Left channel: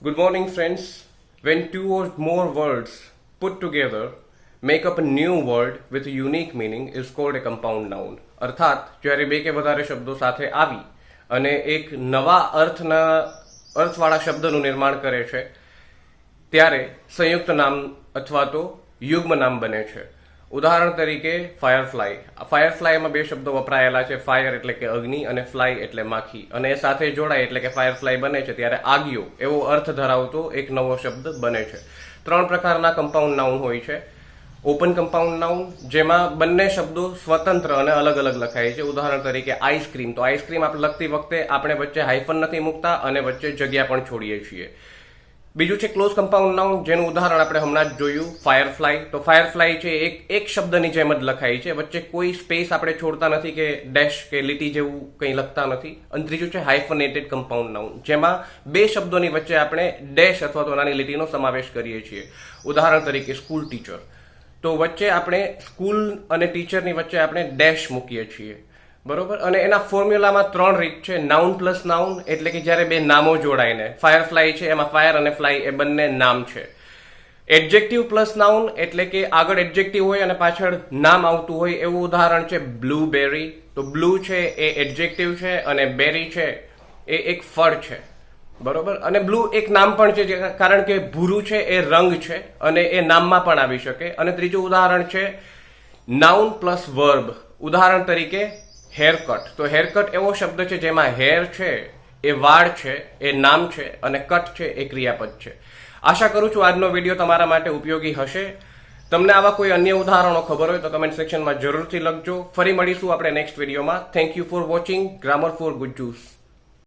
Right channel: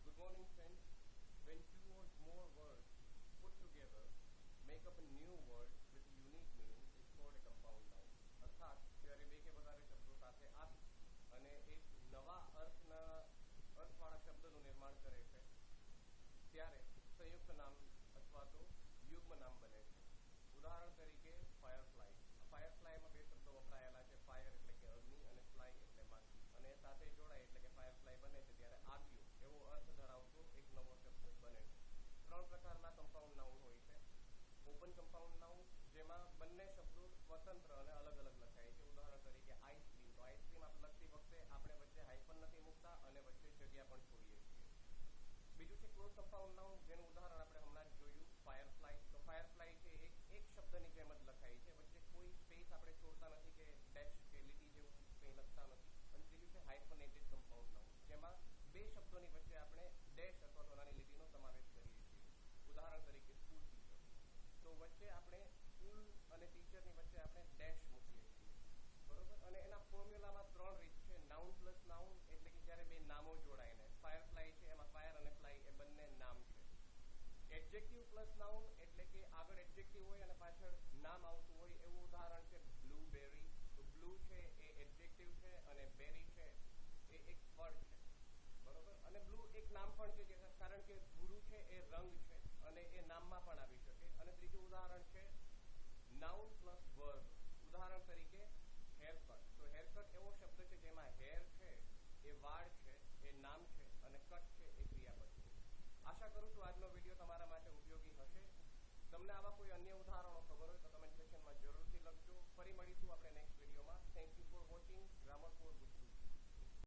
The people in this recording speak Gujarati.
Good morning, friends. When two or more words put together make up a new word with a unique meaning is called a compound noun. અર્થાત જ્યારે બે કે વધારે શબ્દો સાથે આવી અને એક નવા અર્થવાળા શબ્દનું નિર્માણ કરે છે ત્યારે સંયુક્ત નામ અથવા તો યુગ્મ નામ બને છે. ઉદાહરણ તરીકે ફાયરફ્લાયમાં બે શબ્દો વપરાયેલા છે. ફાયર એટલે કે અગ્નિ અને ફ્લાય એટલે માખી, અને એ સાથે જોડાય એટલે કે ફાયરફ્લાય બને છે. ત્યારે આગિયો એવો અર્થ ધરાવતો એક નવો શબ્દ બને છે. 3 પ્રકારના કમ્પાઉન્ડ નાઉન હોય છે. ઓપન કમ્પાઉન્ડ નાઉન, જેમાં બંને શબ્દો સ્વતંત્ર અને અલગ અલગ લખાય છે. ઉદાહરણ તરીકે આઈસ્ક્રીમ, તો આઈસ્ક્રીમ આપણે લખતી વખતે આપણે વચ્ચે હાઇફન નથી મૂકતા અને વચ્ચે જગ્યા પણ છોડીએ છીએ. બીજું છે ક્લોઝ કમ્પાઉન્ડ નાઉન, જેનું ઉદાહરણ આપણે હમણાં જ જોયું ફાયરફ્લાય. તો ફાયરફ્લાય છે એક શબ્દની જેમ જ લખાય છે, વચ્ચે કોઈ સ્પેસ આપણે છોડતા નથી કે ડેશ કે લીટી જેવું કંઈ લખતા નથી. અને ત્રીજું છે હાઇફનેટેડ કમ્પાઉન્ડ નાઉન, જેમાં બે શબ્દોની વચ્ચે આપણે ડેશ અથવા તો નાની લીટીનો સમાવેશ કરીએ છીએ. ઉદાહરણ તરીકે સ્કૂલ ટીચર, તો વચ્ચે આપણે સ્કૂલ અને ટીચરની વચ્ચે આપણે ડેશ મૂકીએ છીએ, બરોબર. અને એના ફોર્મ્યુલામાં 3 રીત છે. નાઉન પ્લસ નાઉન એટલે કે જ્યારે બે નામો જોડાઈને, ફાયરફ્લાય છે એમાં ફાયર અને ફ્લાય એ બંને નામ છે. એડજેક્ટિવ પ્લસ નાઉન એટલે કે આગળ એડજેક્ટિવ હોય અને પાછળ નામ આવતું હોય, એવું ઉદાહરણ છે બ્લુબેરી. તો બ્લુ છે એ એડજેક્ટિવ છે અને બેરી છે એ એક ફળ છે, બરોબર. અને બ્લુ એક નામ પણ છે, કારણ કે ભૂરું છે એ રંગ છે અને એ નામમાં પણ આવી શકે. અને ત્રીજું ઉદાહરણ છે નાઉન પ્લસ વર્બ. ઉદાહરણ તરીકે હેરકટ, તો હેરકટ એવો શબ્દ છે જેમાં હેર છે એ વાળ છે, એ નામ છે, અને કટ છે એ ક્રિયાપદ છે. આશા કરું છું આજનો વિડીયો તમારા માટે ઉપયોગી હશે. તમને આવા કોઈ અન્ય ઉદાહરણો ખબર હોય તો કમેન્ટ સેક્શનમાં જરૂરથી લખજો. ફરી મળીશું આપણે નેક્સ્ટ વિડીયોમાં. Thank you for watching grammar for ગુજ્જુસ.